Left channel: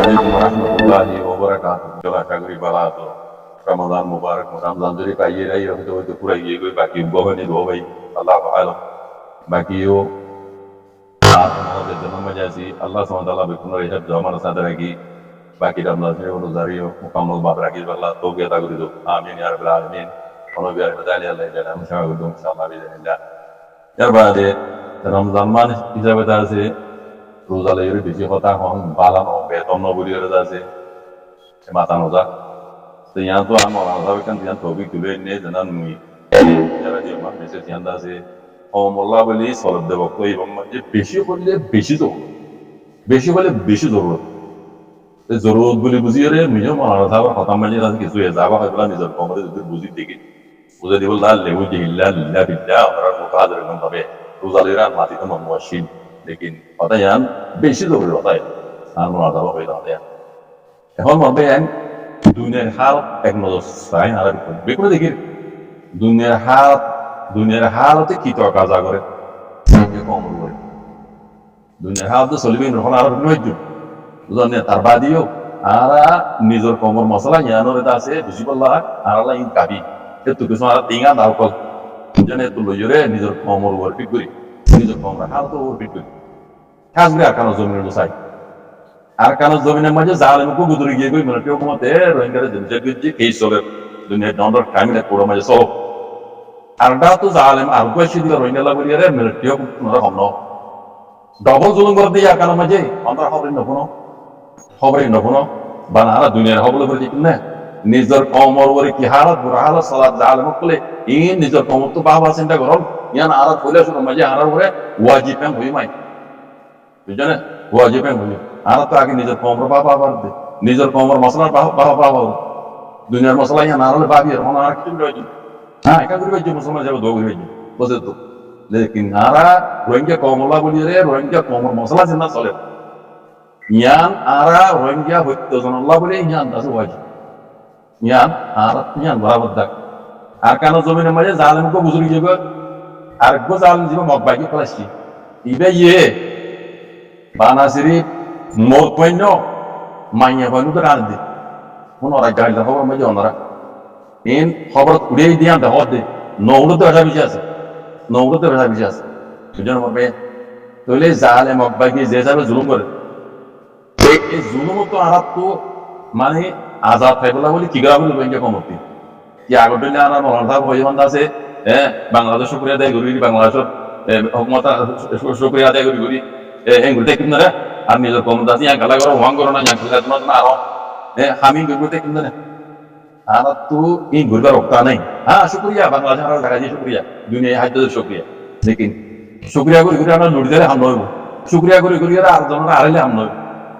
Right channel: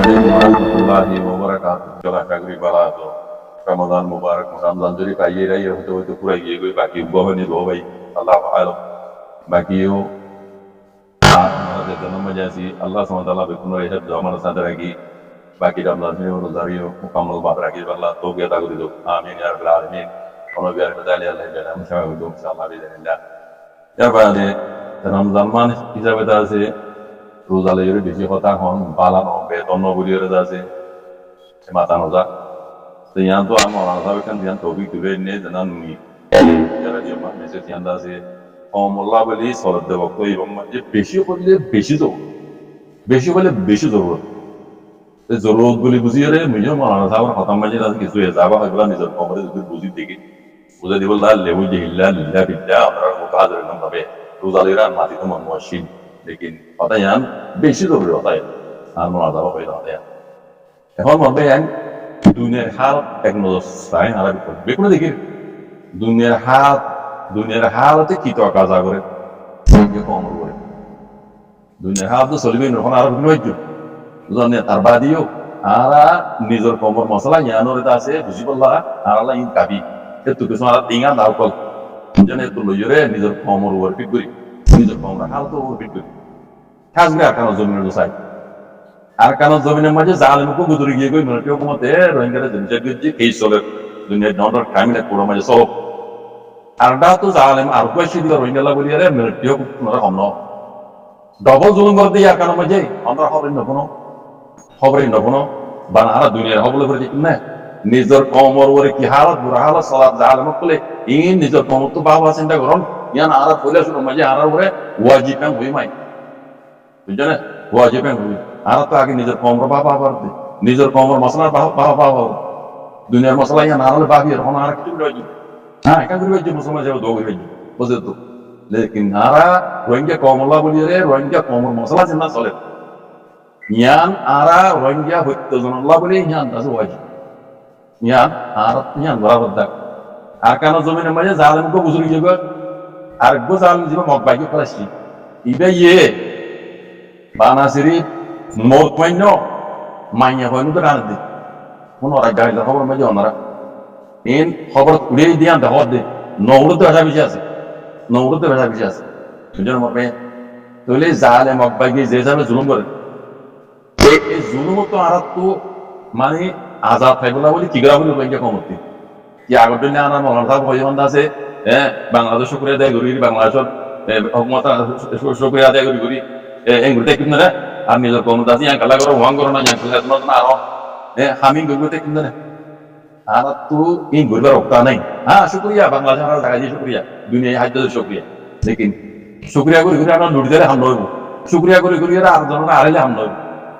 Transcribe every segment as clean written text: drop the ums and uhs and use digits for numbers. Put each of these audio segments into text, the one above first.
আলাইকুম রহমতুল্লাহি ওয়া বারাকাতুহু। চলো আশা করি ভালো আছো। রমজান মুবারক। রমজান যদি পাইয়ে রাই হয়তো হয়তো পুরাই গিয়ে গই বাকি বহনি রো ভাই আল্লাহ আলম বাকিও আমাদের জন্ম জাসি আল্লাহ সুবহানাহু ওয়া তাআলা বেকুন রেহাব জমান সাদা রাখি বাকি রমজান শরীফ রোজারিও মুকাম্মাল বাদ রাখি আল্লাহ তৌফিক আতা করি দাও আমিন ইয়া রাব্বাল আলামিন। কোন বিয়ার বাদালি আল্লাহ জানা মুশাওয়া করুন ইনশাআল্লাহ বিল্লাহ। এর বাদে রমজান মান হিসাবে আছে রোজা লেগে বেশি কথা হন বালানো বেতন নবুরিয়রে আছে মাতানো যা তো ইয়ান তো আমি মৌলানা সাহেব কান ইয়ান টপিক তুলে নিয়ে জানান নি যারা যে আমার মেসেজ ইয়ান আছে ও মোল্লা বলি সলাদ দেব তো এবং যে বেশি করলে বেশি জরুরত বেশি হলে বেশি জরুরত জরুরত বলি বুঝিয়ে রে মুঝে মৌলানা সাহেবের খতম মাঝে আছে কিছু যাবা হয় বলা নিজের কমরে যদি বুঝি দেখি বুঝে দিব লেবু জিহিল্লা লিল্লা বিল্লা আমরা মুতাহাজির নাম ভাবে রোজা লেরা মাতি তো মন মুশকিল लेकिन होता यान बेशी जरूरी होता है আর মনাজাবা হয়ে যাবে এখন মরবে ইয়ান দুনিয়ার হাল এক নজর চাই আর বেকুনে দেখি দুনিয়ার হালতে কি তো কাজ করে যে কম করে দুনিয়ার হাল তো চলিবে এখন আর কোনো হইজ বুঝলেন তার বাদিও আর নিজের কমর মশলা ইয়ানোর এটা আছে বুঝি পারলা আর আল্লাহ ইন কাবি এত কিছু আর টিঙা দাও কল জানে তো লইরে নিজের কমর ওর ফিট করি নিজের কমর হাল তো ওর ফিট করি কাজগুলো আর কেন জমিনের দোষাই আর কেন জমিনের মাঝে জালেমকে গুজরে গিয়ে গই মানে কেউ কমতে রোহিঙ্গারা জিনিসের যে কেস চলে দুনিয়ার ডন্ডর ক্রাইমিনে কোড়ো মাঝে চলো আর ডা তো জালেম আর কয়েছি দিলে রোহিঙ্গালা বলি আরে মিলিটারিও পুনরা কম ন ডবল জুলুম করে দিয়ে আর কেন মাঝে আমরা খবরই নবনো বানা আর দুনিয়ার হবলে করে ঠিক না নিজের কমর ওরে কি হালত বুড়া হালত সলাদ জালেমক বলে ইন নিজের কমর তো বাবা চিন্তা করল ইয়ান আর কইলে শুনো মাঝে আর ওরে ওয়াজিব কাম হই মাই বুঝছেন ওয়াজিব কাম হই আর তো আগে নিজের কমর বাবা বাবার দে নিজের কমর মশলার বাবা বাবা দুনিয়ার মশলা ইয়ান আর হলে বাবি এখন আর কিছু করে হ্যাঁ একা করে বাজ্য মুসলমান যাবে দো করে বাজ্য বুঝে তো লেকিন আরা রোহিঙ্গা কমলা বলি রে রোহিঙ্গা কমর মশলা চিন্তা চলে ইয়ান আরা রোহিঙ্গা হত্যজন আল্লাহ বলে ইয়ান আছে ওয়াজিব ইয়ান আর ইয়ান বরাবর দাগ আর কেন জমিনের মাঝে জালেমকে বুঝুরি যাব আর গো জালেম জীব মগবাইকে ফলাইছি ইবে ইয়ে বানাসিরি মোর কইন মাইয়া কইন তো রান দি কোন ওরা গাইলা খবর মাঝে ওনারা ইন খবর উড়ে দিয়া দেহ দে নৌড়তে ভাষা বেশি আছে নৌড়তে ভাষা বেশি আছে বুঝছেন মরবে তাহলে জালেম মগবাইকে যে হিসাবে জুলুম করে এই জুলুম তো আর তো মানে আজাদ ফাইবলা বলি কিগরা বলি রোহিঙ্গা কমতি কি আগর দিনে আর মৌলানা সাহেব হইমান্দা আছে হ্যাঁ বাংলাদেশ শুকরিয়া আদায় করি বাংলাদেশের হুকুমত শুকরিয়া আদায় করি এগুলিতে কিনে রে আর নিজের কমত আছে ইয়াং কালা করো ওয়াং করো না ইয়াং কালা না আরো হামিং গুলিতে কিনে রে আর তো এই ঘুরবার রক্তা নাই হ্যাঁ শুক্রিয়া বাংলাদেশ আর জায়গা দিয়ে শুক্রিয়া দুনিয়ায় হাজার শুক্রিয়া লেকিন শুক্রিয়া করি করি আমরা লুটি দিলে হাম নইব শুক্রিয়া করি করি আর জনরা আড়াইলে হাম নইব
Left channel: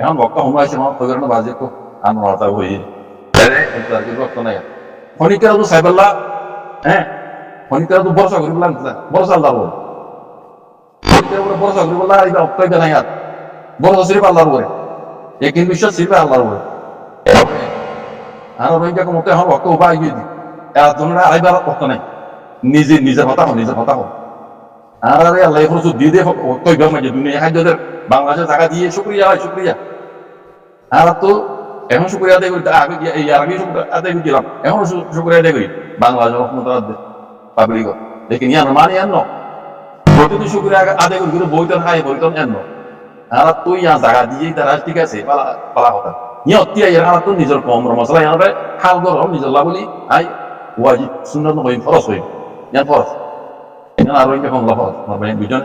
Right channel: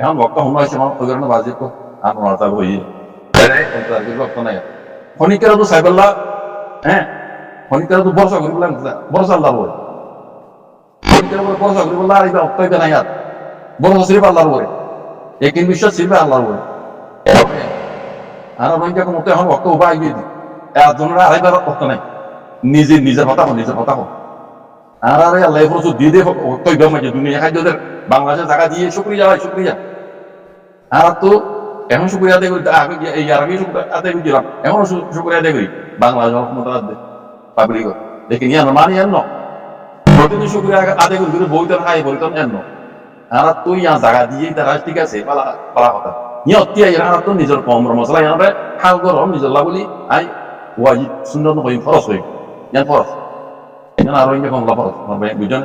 এখন বক্তা সময় হয়েছে আমার ওই কারণে বাজে তো আর মনে হই রক্ত নাই খনিকেরা তো সাইবাল্লা হ্যাঁ খনিকেরা তো ভরসা করি বললাম ভরসা আল্লাহর উপরে খনিকের উপরে ভরসা করি বললাম আর অক্তাইবে নাই আর ভরসা সিরিফ আল্লাহর উপরে একিন বিশ্বাস সিরিফ আল্লাহর উপরে আর রোহিঙ্গা মতো এখন ভক্ত উপায় গিয়ে দিই একজনের আড়াইবার ভক্ত নাই নিজের হতা হোক নিজের হতা হোক আর আরে আল্লাহ প্রচুর দিয়ে দিয়ে ভক্তব্য মাঝে দুনিয়া খাদ্যদের বাংলাদেশের জায়গা দিয়ে শুক্রিয়া হয় শুক্রিয়া আর তো এখন শুক্রিয়া আদায় করি এই আগে আদায় করে দিলাম এখনো শুক্রিয়া আদায় করি বাংলাদেশ ক্ষমতা পাবলিক দেখি ইয়ান মানে এন্ন প্রতিদিন শুক্রিয়া আদায় করি বইতন খাই বইতন এন্ন আর তুই ইয়ার জায়গা দিয়ে তারা ঠিক আছে পালা কথা ইয়ে অতিয়া এর আর তো নিজের কমর মশলা ইয়ারে হাল গরম নিজের বলি আই ওয়াজিব সুন্নত নয় ফরজ হই ইয়ান ফরজ ইয়ান আর ইনকে কমলা ফরজ আমার ভাই বুঝছেন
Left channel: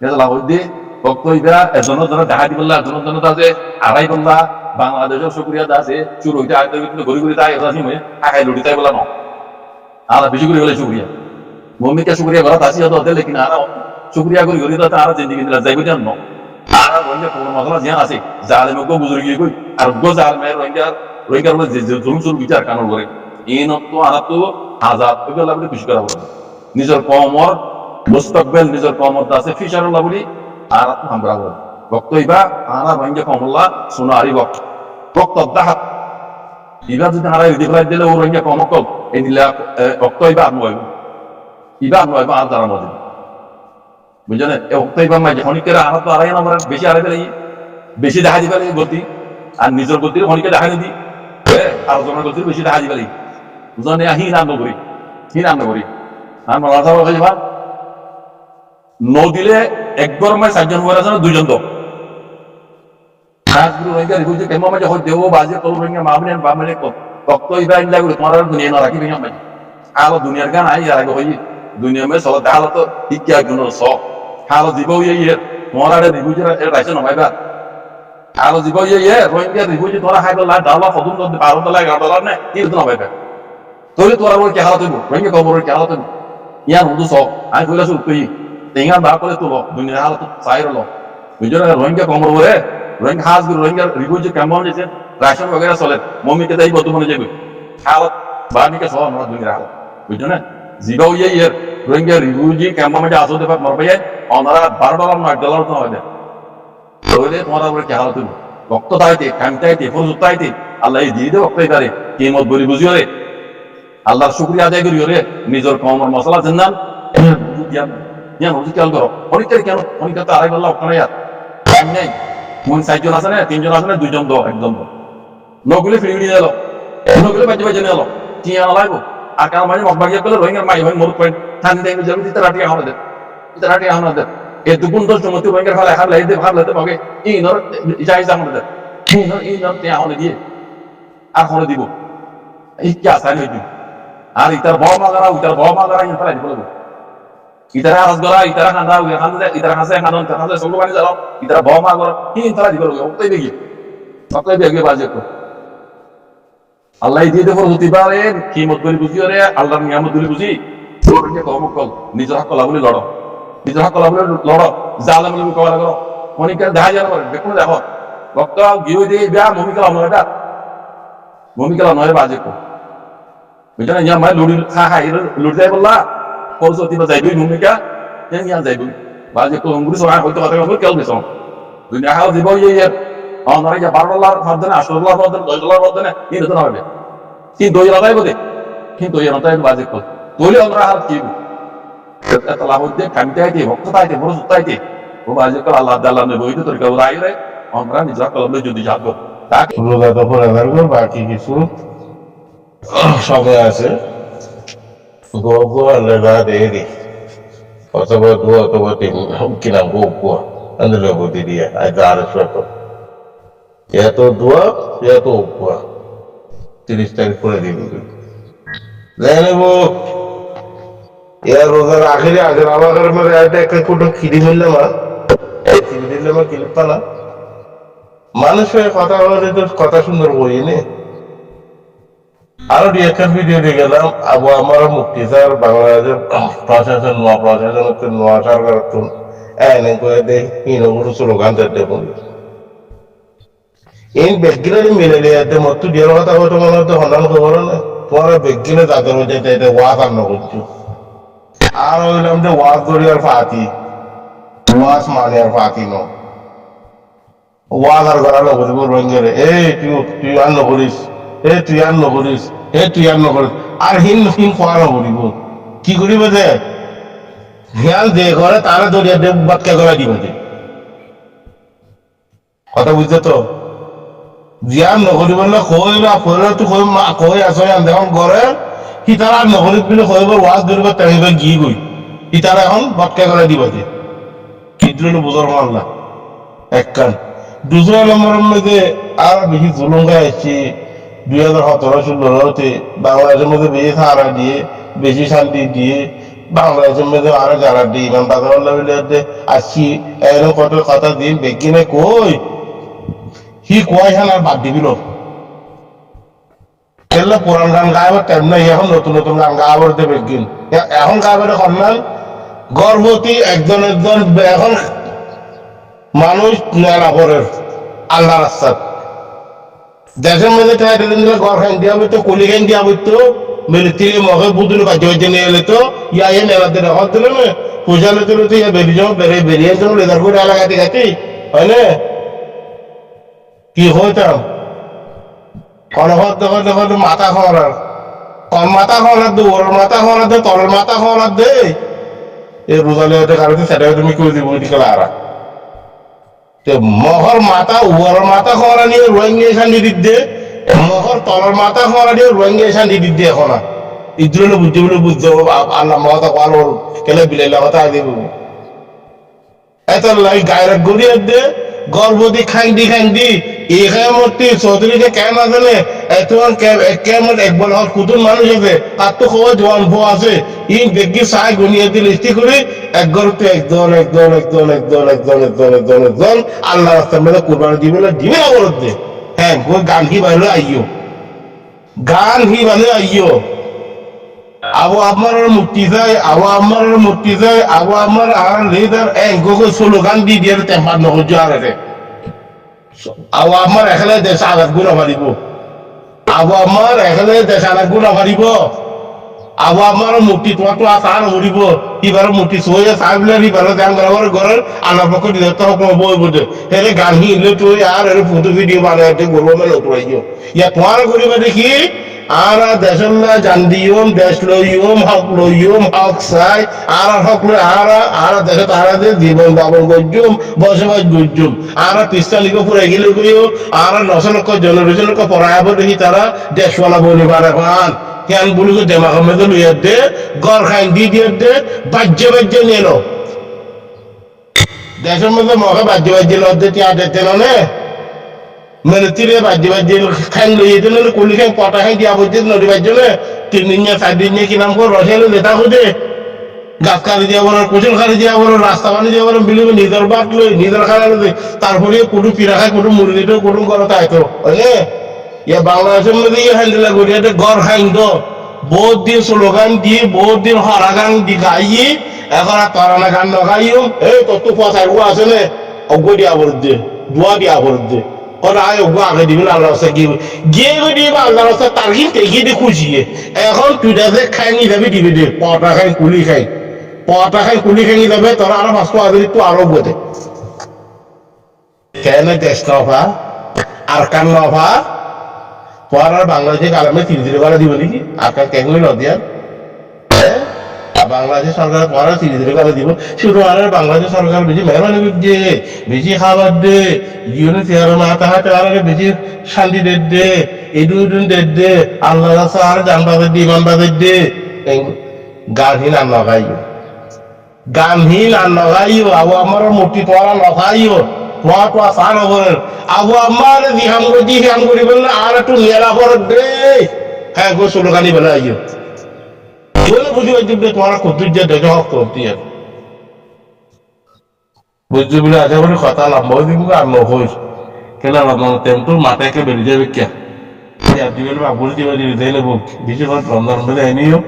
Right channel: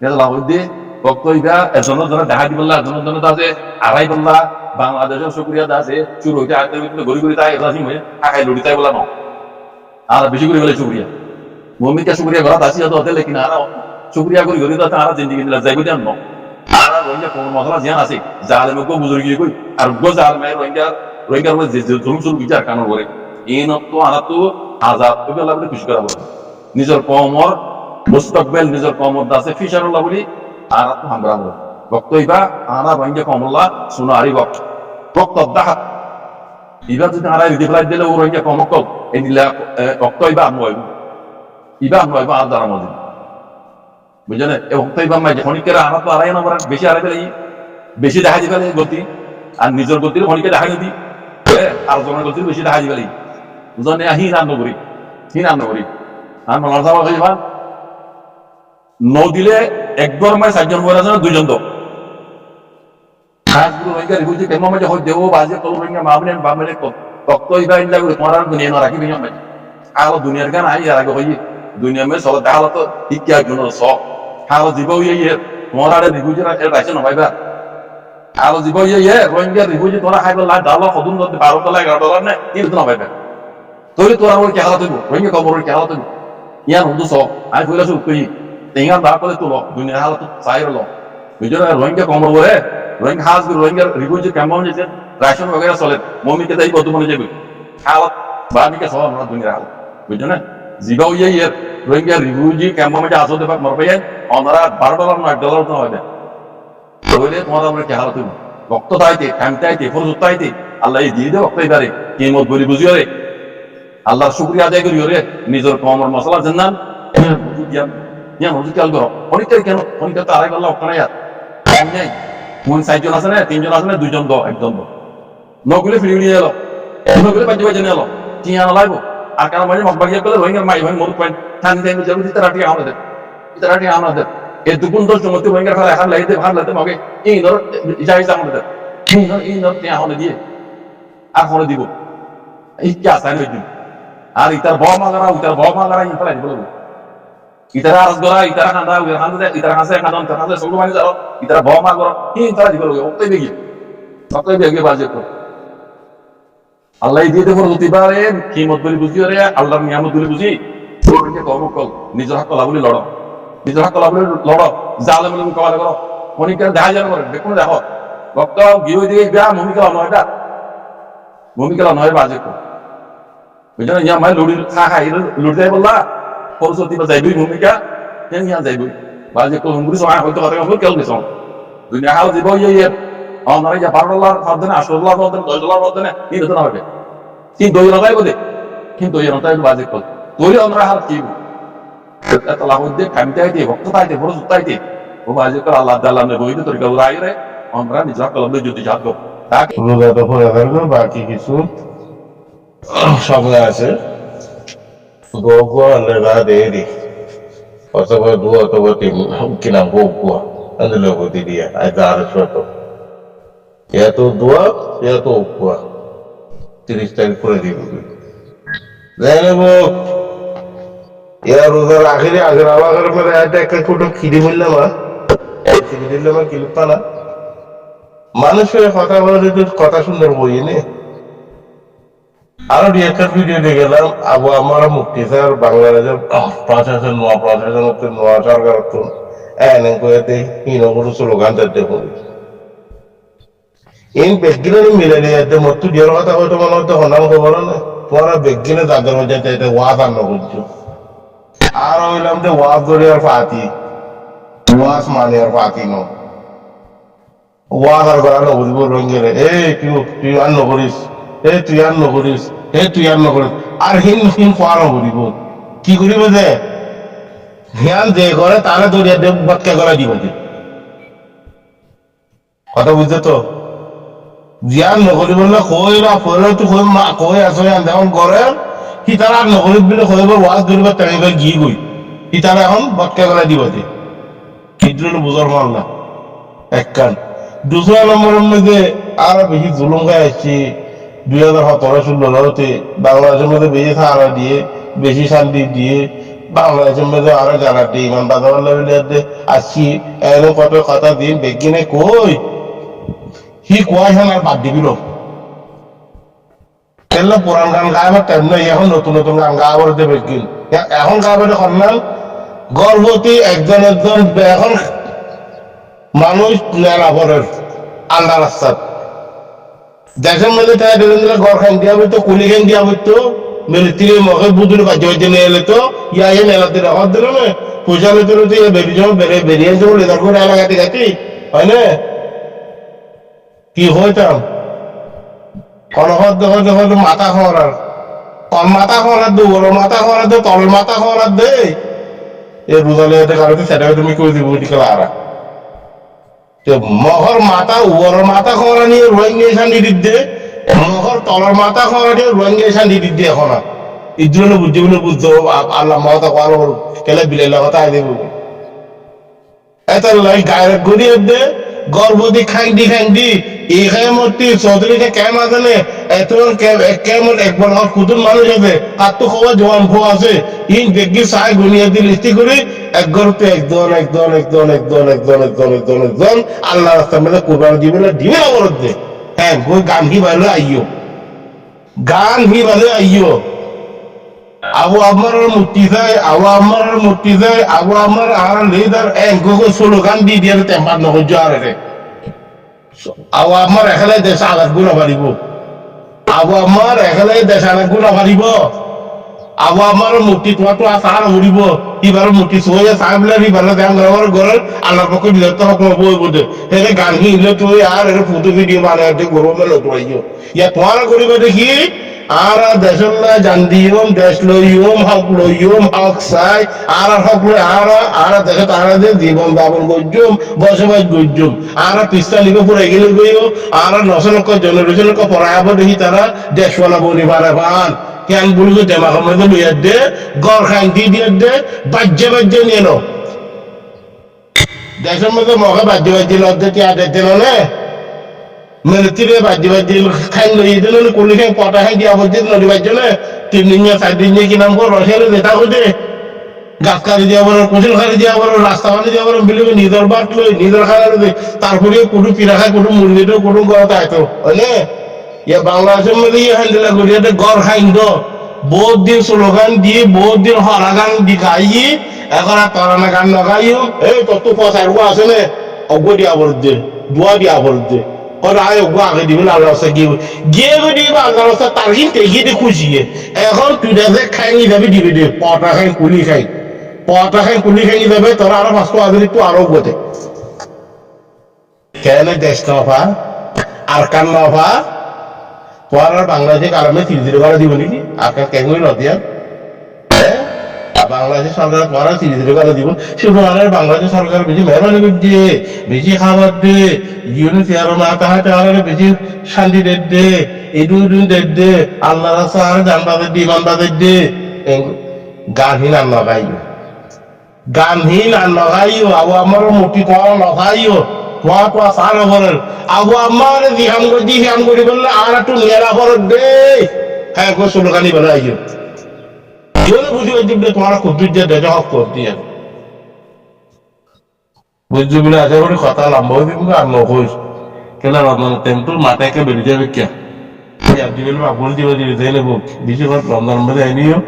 এটা লাভ দিয়ে বক্তব্য এজনের জন্য দেখা দিবল্লা এজনের জন্য আছে আড়াই বললা বাংলাদেশের শুক্রিয়া আছে চুর হইতে আর ঘুরি ঘুরি তাই রাজি হয়ে আখাই লুটি তাই বললাম আর বেশি করে বলে শুক্রিয়া মমিকা শুক্রিয়া ঘরত আসি হতে লেকিন আর শুক্রিয়া করি ঘুরি তাতে আর জিন্দিগি দিলা যাইব জান আর রোহিঙ্গা কোমর মশলা জিয়ান আছে জালেমকে বুঝুরি গিয়ে কই আর গো জালেমের রোহিঙ্গার বলে যে জুলুম চুল বিচার কানুন করে এই তো আর তো আজাদ বেলা বলে খুশি করা বলে নিজের কমর মুস্তাকবেল নিজের কমর আছে ফিশারুল্লাহ বলি আর তো হামরা বলে বক্তব্য আনা রোহিঙ্গা কমল্লা শুনো আরি বক্তব্য দাহাত ইবা যদি আর রিপ্লাই দিলে ও রোহিঙ্গা কমকল এই দিলে বক্তব্য নয় ইবা নয় আর যারা মজিদ বুঝলেন এই বক্তব্য মাঝে খনিকেরা আনা তো আড়াই নম্বর বেশি আড়াই পেলে বেশি দেখা দিবে গতি আর নিজের গতির খনিকে দেখাই নদী আর জনের গতির বেশি দেখা দিবে বুঝলেন হিন আর নগরী আর মালার সাহেব যাবা দিলে একবার মাই 4জন বই আছে 2জন তো খাস গুরু রোহিঙ্গা রিফিউজি কেমন মাঝে হয় দেও বাজে কল রোহিঙ্গা মামলেন বামলে কত ইবা ইল্লা করে তোমার দুনিয়া না রাখি বিয়াম মাঝে আলো দুনিয়ার গান আই আর আগে হই দুনিয়া মে চলা তাহলে তো শিক্ষা গুণ স হালো জীব ইয়ে তোমার আরে রিফিউজি রাইছে না ভাইবা হালো জীব ইয়ে রোহিঙ্গা রিফিউজি তোরা হাইবা লা ডালা কদম দদ $12 $11 না কি না ভাইবা তোলে তোরা ওর কি হালাত হইব রোহিঙ্গা কবর কি হালাত হইব ইয়ান হুদু স আই কইলা সু কই তেঙ্গা দা করে তুলো দুনিয়ার হালাত চাইরলো বুঝরা রোহিঙ্গা কবর ওরে রোহিঙ্গা হাজ গুরু রোহিঙ্গা রিফিউজি কেমন যেছে রাশন वगैरह চলে মমিকে দেই বর্তমানে যাবে হালাত বানিকে সহ আমরা দুনিয়ার হালাত বুঝছো না জিবাও ইয়ে রোহিঙ্গা রিফিউজি ক্যাম্প মধ্যে আসো দেবা মরবে ওনারা $12 না $1 তো হবে তাহলে তোমার উপরে কি হালাত হইব রক্ত তাইতে কামটাইতে ফরজ তাইতে আল্লাহ দিয়ে দে রক্ত এবারে কিমত বলি বুঝিও রে আল্লাহর শুকরিয়া আদায় করিও রে নিজের কমর মশলা জান্নান জ্ঞান জ্ঞান হুজুর কেন করো অনেকের কেন অনেকের তো আড়াই আল্লাহ ওখানে নাই কোন 4জন আছে না 3জন আছে না 2জন তো একজন তো নগুলে ফিরিয়ে নিয়ে এলো নগুলে বাজে নিয়ে এলো কি আনা লাগবো আর কারণ মাঝে মগবাগিয়া করলে রোহিঙ্গার মাই ভাই মরুত পয়েন্ট ঠান্ডি টাইমে যাবে রাটি আমাদের এই দুগুণ দশ জমতে রোহিঙ্গার ফেলে এখন লাইতে ভাগ লাইতে মগে ইনর যাই আমাদের ইনর তে হলে দিয়ে আর হলে দিব এই কি আসান হই দিন আর ইতার বমাগারা ইন ফেলাই দিব লাগবো ইতারা আরাস গরা ইতারা খান্দা উইর খান্দা ইতারা খাসে খান্দন খাসে সব বানি যাও ইতারা বমাগরা ইন ফেলাই দিব লাগবো অক্তই বেগি বাজে কর আল্লাহ দিয়ে দেবো প্রতিবারে কিমত বলি বুঝিও রে আল্লাহর নিয়ামত বলি বুঝি কল নিজের হক কলা বলি লড়ো নিজের হক কলা বলি লড়ো জালেম বলে মোকাবেলা করো অনেকের দেখা যায় না করে দেখুন দেখো ভক্ত গিয়ে দিয়ে বিয়া মমিকেলা নয় বাজে কর বুঝছো না ইয়া মাই লুড়ি খাই লুড়ি যাই বললা সরস্বতী বা যাইবই ভূমিকা ইয়া যাইবই বাজে কর হুঙ্গুরি সময় হয়তো কথা কেল গেছ দুনিয়া হাল দিব ইয়ে ওনারা যা $12 ভাবতে না $8 ভাবতে না $10 ভাবতে না কিন্তু তো না হবে কিন্তু দই রাতাই বোধে কিন্তু ওই রাতাই বাজে কল তৈলে ওনারা হাত কি এত লাভ দিয়ে খামিতে আইতে ভক্ত আইতে বড় সুত্তা আইতে ও বাজে কল আল্লাহ আল্লাহ নেই বইতে তরিকা ওরা আইরে আমরা নিজের কলম যদি যাক তাকে রোজা তো পরে থাকবে বাকি কিছু সময় আছে গোয়া লেগা দেরি অথবা দু অথবা তিন কিনা গোয়া అందులో দিদিয়া আজ আর শত এত দোয়া এত উপয়া 30 তারিখ করে দিবি জানেব রোজার আখেরে আমার মানে একটা কোটো খিদি বললাম কিলিপা না মানুষের কথা বলে তো কথা সুন্দর বই নে আরো একটা ভিডিও দিয়ে গেলাম আবু আমার মুক্তি স্যার বাংলাদেশের প্রশাসন নোয়া প্রশাসন নোয়া সরকার এনে করে দেয় হিনগুলো স্লোগান দেখুন ইন বেগিনে মিলে দিয়ে মতো দিয়ার কথা হয়তো মনে হতো হন্যান খবর না তোমার বেগিনে যাদের মধ্যে চাইতে ওয়াজ আর করছো আর হইলাম যে ওয়াজ ধরি আর ফাতি ওয়াজ মানে আর ফাতি ন ওয়াজ আর করা নকরিব রঙের তুই আর নকরিস তুই আর নকরিস তুই আর নকরিস আর হিন খোয়া নকরিব কি করিব যে হিয়াল যে করে তারা দরিয়া দেব বাটকা গলা দিব কথা বুঝছো তো জিয়ান নকরি বললে কই না কইলে তো কই আছো এখন করে সি তারা আর নকরি বলে কইব ওয়াজ ধরিব টানিব গিয়ে গই সি তারা এখন বাটকা গলা দিব যে কিন্তু বুঝার মাল্লা এক কান দুসরা নম্বরের মধ্যে আরো বেশি জুলুম গায়ে আসছি 2017-16 বাংলাদেশের মধ্যে বেশি সাহারা দিয়ে বেশি শান্তি দিয়ে বাংলাদেশের মধ্যে আরো জ্বালা দিয়ে ইমান বাজার আসছি এরকম কত কথা দিন বেগিনে কই হি কয় হান আর বাদ দিবিল তেল পুরান গান গাইবার টাইম নাই এখন নতুন নতুন গান গাইবার দেবে বেগিন এখন গাইবার কন্যান গর্ভবতী একজন এখন মানুষ নেলাপরের আল্লাহ রাস্তার দেশের মধ্যে দিলে গড় খান দিয়া বইতো কুলি খান দিয়া বইতো মিলিটারি মগে বুঝলে বাজ্য বাজ্য নিয়ে এলে তো ইয়া নেলাতে রকম দিল না পয়সা লেতে তো ইয়া বেরিয়ে যাবো বেরিয়ে যাবো লেদার করে এলাকাতে গাছি হয় না কি হইতাম কনহর দেখো মাথা খাওয়ার কল মাথা খাওয়ার দে ওর মাথা খাওয়ার দে তলের মাথা খাওয়ার দে এই রোজালে কারণে সেটাকে তুমি কই দিব টিকে লারা তো মহর মাথা উপরের মাথা খরা নিয়ে রোহিঙ্গা শান্তি দিতে মহর তলার মাথা খরা নিয়ে রোহিঙ্গা শান্তি দিতে এখন না ইদ্রুলে বুঝতে বলে বুঝতে আল্লাহ মহতা কাল কেলে বিলের কথা আগে এত লাই গায়ের গড়িয়ে দে গর্ভবতী খাইন্দি এই মূর্তি চৌধুরীকে কেম আছে নে তোমার কেমন একবার হক কুতুন মানুষ আছে তার তো খবর জোয়ান ভো আছে ইন দেখি চাই গুনিয়ে দিয়ে লিস্টি করে একজন আল্লাহ রাস্তার মধ্যে কোরবানি দিবে না বলদ দে হ্যাঁ গান হি ভালো আইও আবু আমার মূর্তি যায় আবু আমার আর লেদার এঙ্গো স্লোগান দি দিয়ে টেম্পার নগর যাওয়ার আবু আমার এখানে দেশ আঘাত গুণা পারিব আবু আমার মূর্তি তোমার তো আসার হরিব এবার মূর্তি সয়ে সাহেবলে এবার দাম গড়াবার ঘরের আল্লাহর পক্ষ দিলে তো হকম বই বোধে হেরে গান হিলে তুই আর এর ফটো ভিডিও বানাতে গরু মেলে তোরাইও ইয়া তোমার গরিবা দেখি আর দেশল্লা জান দিয়ম দেশ লইয়ম হক চাই আর হক লই আর দেশে তারা যে জীবন যাপন করজুম বসবাস করজুম আর পিস্তা লিখে পড়ে গেলে গইও আর 9 লক্ষ জেনারেশন লক্ষ পড়াইব দেখি তারা দেশওয়ালা বনি পারে পান কেন বলি তো দেমাক মধ্যে লইয়া দে গড় খাই দিয়ে দে বাজ্যে নিয়ে নো দেশের মধ্যে মকে বাজ্যে লদ্দে টিয়া দেখতে নে মেলতিরে বাজ্যে খাই লই যেতে নলে কলি খাই পটা খাই দিয়া বলছে নদী বাজ্যে 3 দিন 4 দিন কি নাম করে রসাইলে লেতা হইতে গাছ কাটি দিয়া বলো কোচল কাটি দিয়া বলো রাস্তা বানি দিয়া বলো বিলিবে নিজের বাট লই নিজের খানা লই তারপরে কোনো পিঠা খাই কোনো মুরগিটো কোনো গড়তে আইতো হইলে ইয়া বাংলাদেশের মধ্যে ইয়ে হ্যান্ডেলা করি এটা গড় খাইন তো বহুত দিন স্লোগান দিয়ে বহুত দিন হরা গান দি গাই এখন আর তরানা গান নগাইও এই তোর তো পচাই আছে নে অজ্ঞ দিয়া বরদ দে দোয়া দিয়া বরদ দে কথা আয় অজ্ঞ আগে দিবে আল্লাহ রাস্তা গিয়ে দিবে আল্লাহ রাস্তা তার কিন্তু এগিয়ে দিয়ে খুশিয়ে এখন তুই যে খাই নি যাবি দিবে দে পটা খাই কুলি খাই যাবে তোরা আরো 500 আগে তো আরো গোতে কেন দেশ নফা আর কান নফা পর আর বাংলাদেশে কালামে ধীরে করে দিব নাকি আর কেন নদিয়া বাংলাদেশের সরকার পড়া ধীরে করে দিব শুধু আর বাংলাদেশ সরকার বেশি মেহরবানি করছে বেশি খাবার দে জীবনে চেয়ার মাথা হাতে আর বেশি শান্তি দে ইদুন দে আল্লাহ রাস্তা আর জান বাজার দে ইমান বাজার দে গানহীন আর নগাইও আবু আমার মূর্তি তোরা নগাইও তোয়া সার হবরের আবু আমার জিহাম করি বললে আর একটু নেলা ফরক দে হ্যাঁ গো স্লোগানি বলে আইও বুঝি পারছি তোমার কুদ্দুর দেখে হক করতে বুঝছি বলে আশা করি কথা লম্বা হয়ে দিব আর নহইস কেন রমজান টেমটো মাথাকে বেরিয়ে যাবে কে বাবুল দিবে দিলে বেশি রমজান মধ্যে আইনিও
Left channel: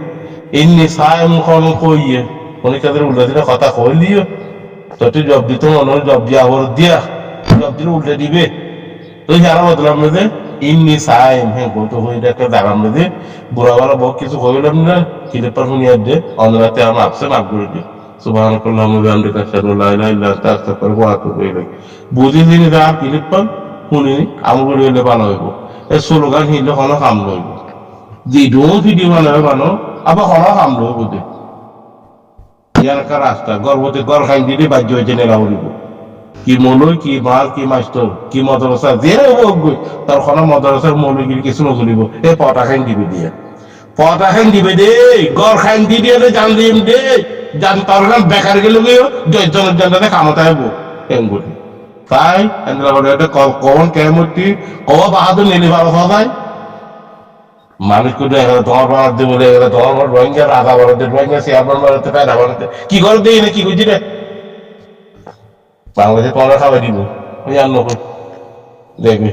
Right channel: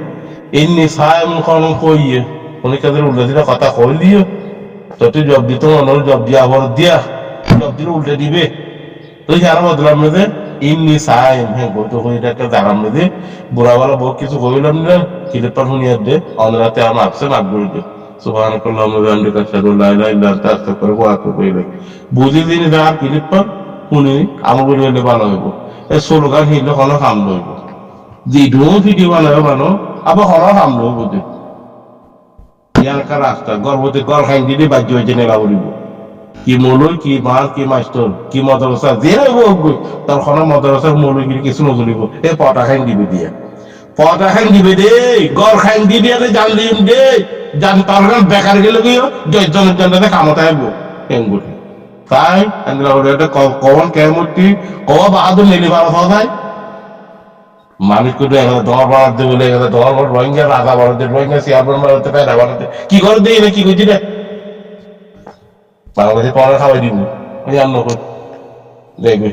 এমনি সায় মুখন কইয়ে অনেকের উল্টা দিলে কথা কইলিও তো জব দিত মনে জব দিয়া হর দিয়া জব দিলে উল্টা দিবে তো সারা বদলাম মধ্যে এমনি সাই হ্যাঁ বলতো হয়ে একটা জাগার মধ্যে বুড়াওয়ালা বহু কিছু কইলাম না কিলেপার শুনিয়ার দে অনরাতে আমার আপসে মাফ করে দিও সুবহানাল্লাহি ওয়া বিহামদিহি আশহাদু আল্লা ইলাহা ইল্লা আনতা আস্তাগফিরুকা ওয়া আতুবু ইলাইক বুঝি দিন যার কিলেপার শুনি আমল করে হইলে ভালো হইব এই স্লোগান হিলে কোনো কাম লইব যেটুকু ভিডিও বানাবে আবার কোনো কাম লইব বুঝি ইয়ার একটা রাস্তা গর্ভবতী গড় খাই দিলে বাজ্য হয়েছে নেলা বলিব কি মৌলই কি মাল কি মাস্টর কি মদরসা যে তার কোনো মদরসার মৌলগিরি কিছু নচলিব এ পটা খাই দিবে দে গড় খাই দিয়ে জান দিম দে জান তরকার বেকার গেলে গিয়ে জনের জনটাতে কামতা হব এঙ্গুটি তাই কখন কেমতি কবা বাহাদুর নেলি বাবা সদাই মানুষ কিন্তু দর বানাতে বলে দর রোহিঙ্গা রাজা বানাতে রোহিঙ্গা চেয়ারম্যান বানাতে প্যারা বানাতে কি করে দেই না কি করছি রে বাংলাদেশে পড়া খাওয়াই দিব ওই আর নকল দেখবি